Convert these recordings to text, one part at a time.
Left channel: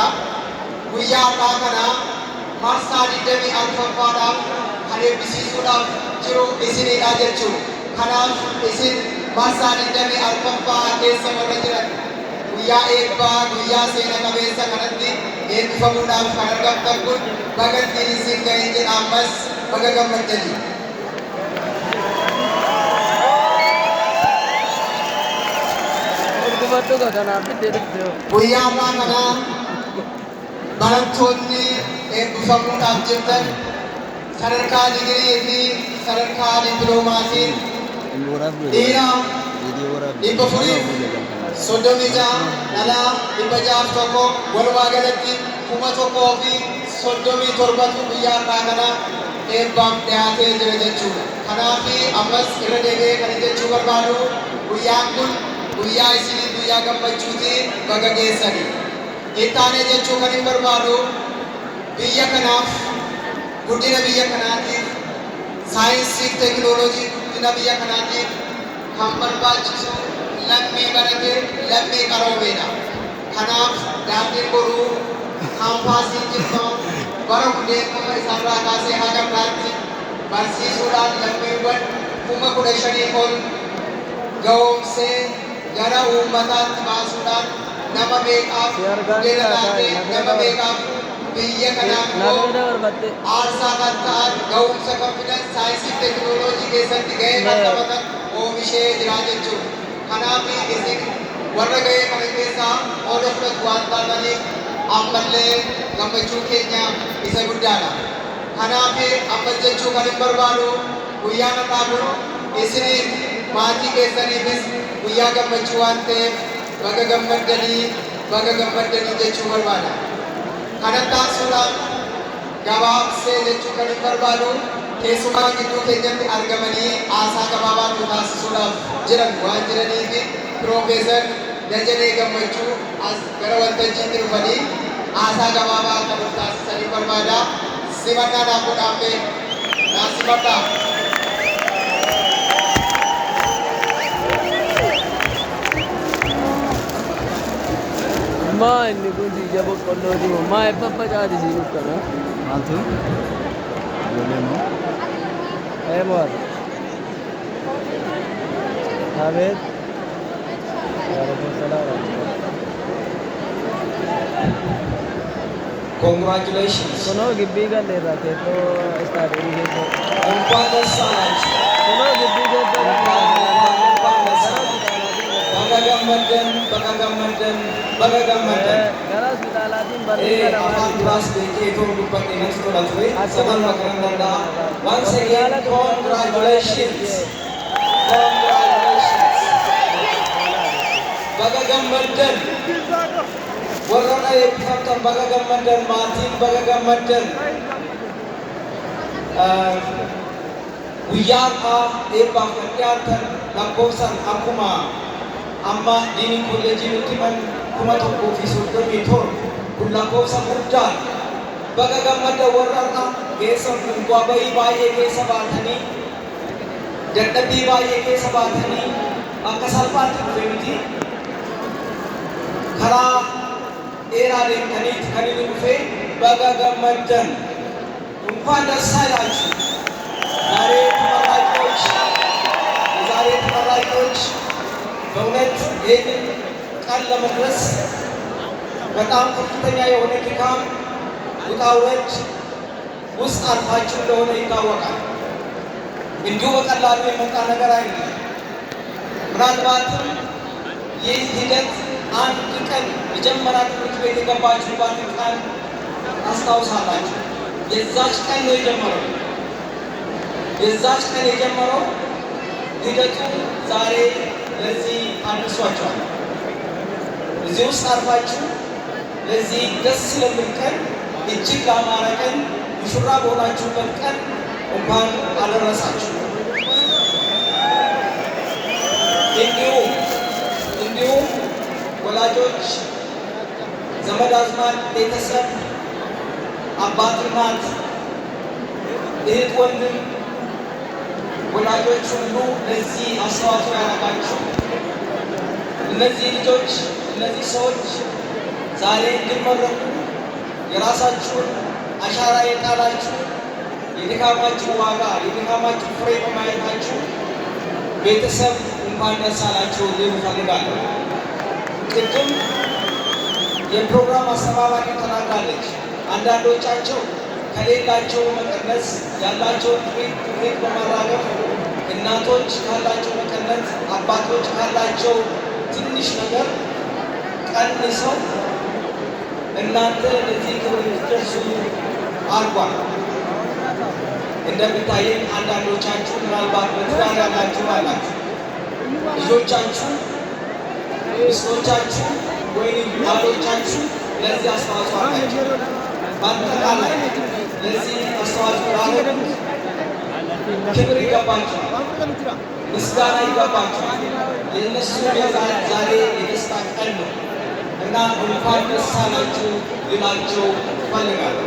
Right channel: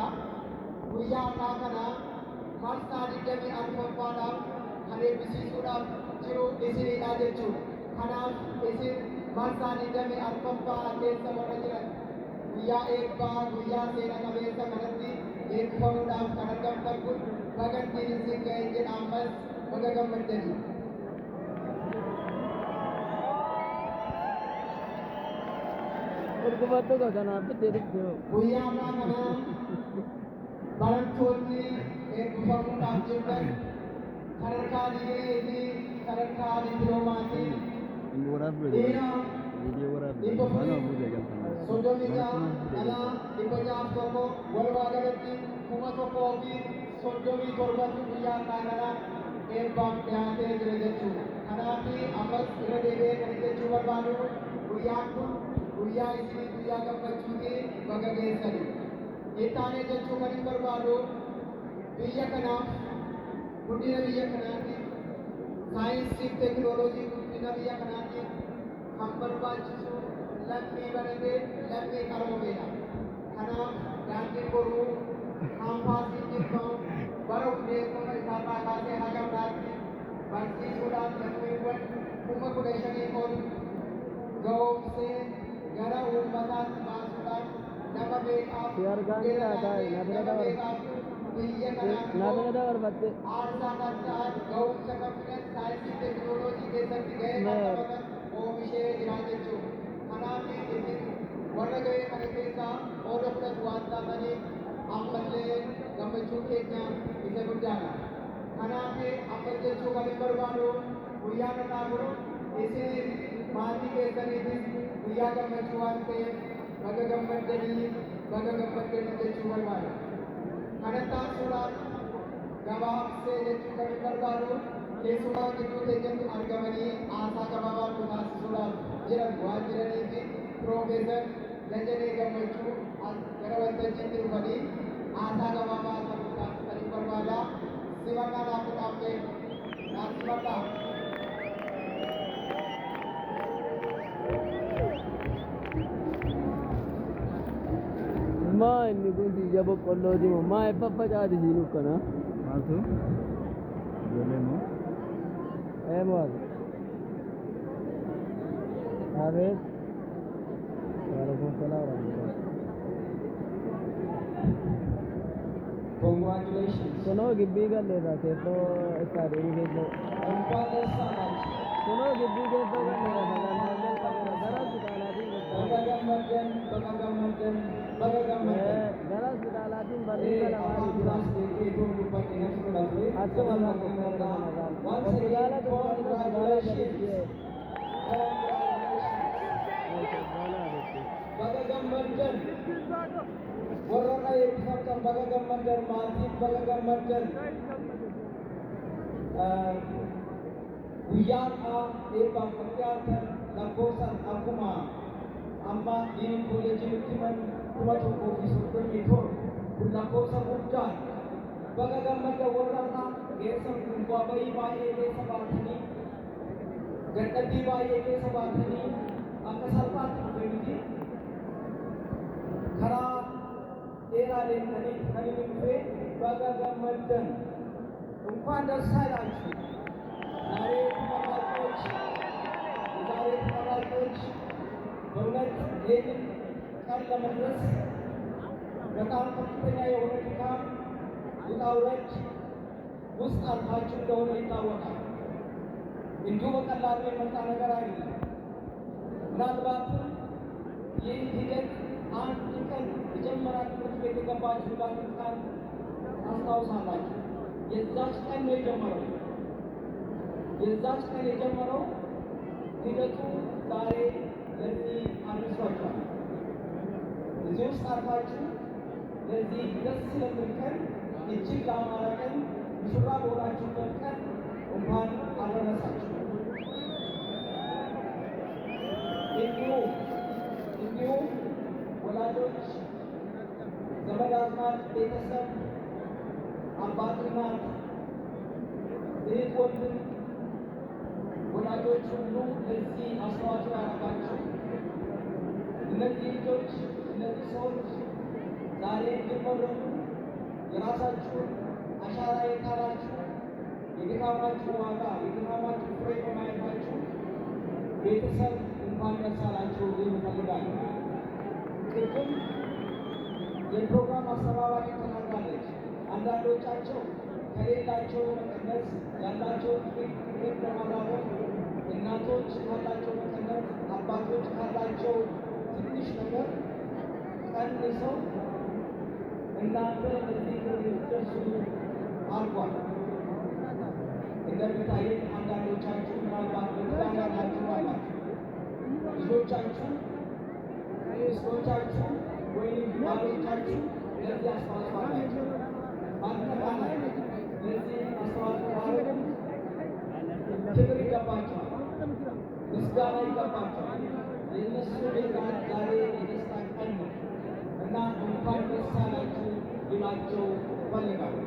jechuudha. Guyyaa har'aa kana marsaa 24ffaadhaaf kan eebbisiisuudhaaf jiru isinidha jechuudha. Kanaaf isin marsaa 24ffaa keessa warra jiran guyyaa eebbaa guyyaa seena qabeessa kanatti eebbifamuudhaaf kan argamtan kun baga isin ga'e jedha ammas baga gammaddanii. Guyyaa ammaa kana barattoonni eebbifamuudhaaf jirtan sadarkaa digirii fi sadarkaa dippiloomaasiin dhiira 436 dhalaa 601 walumaa galatti 1037 guyyaa har'aa kana eebbaaf dhiyaatee jira jechuudha. Kanaaf ammas irra deebi'ee kan jechuu barbaadu guyyaan kun guyyaa isinii guyyaa gammachuuti baga geessanii. Ittaanee jechuu kan hin barbaadu biyya kanaaf guddina biyya kanaatiif saayinsii fi teekinooloojii guddina biyya kanaatiif kan barbaachisu lammii barate lammii qaroomeedha. Kanaaf daandiin boruu kaampaasiin jirtan bara hundeeffama isaarraa kaasee haga biraatti barsiisuudhaan lammiiwwan 15,000 ol ga'oomsee gara uummataatti baasuudhaan nama meeqaaf guddina laatee nama meeqaaf biyya kanaaf aarsaa kan ta'an ga'umsa kan fidan saayinsii fi teekinooloojii keessatti ga'ee kan taphatan oomishee jira jechuudha. Kanaaf isin warra ga'ee kana keessaa qooda fudhatu waan taataniif ammallee gammachuu keenya isa guddaadha. Kanaaf ammas jechuu kan hin barbaadu guyyaan har'aa kun isiniif maatii keessaniifis guyyaa gammachuu waan ta'eef baga gammaddanii jechuu barbaada. Kanatti aansuudhaan gabaabsee jechuu kan hin barbaadu keessumaa gidduu keenyatti argamanii haasaa gabaabaa nu taasisuudhaaf jiran waan jiraniif Piroofeesar Dajanee Gammachuu as gara waltajjiitti dhufanii haasaa gabaabaa akka nu taasisanii barbaada. Simannaa naaf godhaamee naaf simadhaa. Ma inni kun jija boqqolloo jiru ma faffacaati siin uffata maaltu ijoollee moo mo'ata abeet waalaikumsalaam Congratulations. kunoo gibbii galleerra keettoo istaadiyoomii keessa Enquanto saanchi. kunoo gibbii keessa galleerra Bagagammadan. gara hospitaalaatiin barreessa Afaan biraas beekee itoo dubbadhe natti tola ture. Saban maqaan danda'a. Once again, congratulations. Congratulations. Bagagammadan. Warra eebbifamtan bagagammadan. Maatiin bagagammadan. Guyyaa har'aa eebbaaf kan dhiyaatan lakkoofsaan akkuma amma diiniin kolleejii nutti himan 137 kun lakkoofsa guddaa baga gammada warra har'a geessan kun bu'aa bahii baay'ee keessa baatanii dadhabbii baay'ee keessa baatanii akka salphaatti dhufe miti karaa dheeraa deemtaniiti kan inni dhufe baga gammaddan እንኳን ደስ አላችሁ። ዛሬ ተመራቂዎች በእውነት ይህንን ቀን ለመድረስ በጣም ከፍተኛ የሆነ ድካም ውጣ ውረድ ውስጥ አልፋችሁ እንደሆነ ይታወቃል። እንዲሁ በቀላሉ የመጣ ነገር አይደለም። ምናልባትም ይህ ሂደት አንድ ቀን መጀመሪያ ትምህርት ቤት የገባችሁባትን ቀን ታስታውሳላችሁ። የዛች ቀን ነው የጀመረው። የዛች ቀን የጀመረው ሂደቱ ዛሬ ለዚህ አድርሷቸዋል። እዚህ ውስጥ አርፋችሁ ለዚህ ደስ ስለሚል ቀን እጅግ ላማረ ቀን ሙሽራ በሆናችሁበት ቀን እንኳን አደረሳችሁ። እንዲሁም ወላጆች፣ ዘመድ አዝማድ፣ ቤተሰብ፣ አባት፣ እናት፣ እህት፣ ወንድም ወላጆች ሁሉ ለዚህ አስተዋጽኦ ያደረጋችሁ እነዚህ ልጆች እነዚህ ሰዎች ዛሬ እንድመረቁ የራሳችሁን አሻራ የጣላችሁ የድካማችሁ ዋጋ የድካማችሁ ፍሬ በማየታችሁ ቤተሰብ እንኳን ደስ አላችሁ ልል እፈልጋለሁ። ቅድም የፕሮግራም አስተባባሪ ተናግራለች። አንዳንዶቻቸው ከሌላቸው መቀነስ ያላቸውን ጥሪት በማራገፍ እናቶች ካላቸው መቀነስ አባቶች ካላቸው ትንሽ ነገር ቀንሰው እናንተ ለዚህ ክብር እንድትደርሱ አድርጓል። እንደሚታየኝ አንዳንዶቻችሁ ምናልባት በትዳር ያላችሁ አላችሁ፣ ልጆቻችሁ፣ ሚስቶቻችሁ ወይም ባሎቻችሁ ለዚህ አስተዋጽኦ አላቸው። በአጠቃላይ ለዚህ አስተዋጽኦ ላደረጉት ክብር ይገባቸዋል፣ ምስጋና ይገባቸዋል። የእነሱ ዛሬ የደስታ ቀን ነው እና እንኳን ደስ አላችሁ ልላቸው እፈልጋለሁ።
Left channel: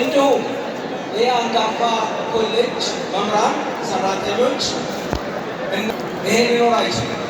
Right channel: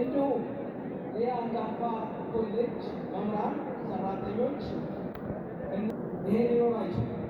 እንዲሁም ይህ አንጋፋ ኮሌጅ መምህራን፣ ሰራተኞች ይሄን ሊኖር አይችልም።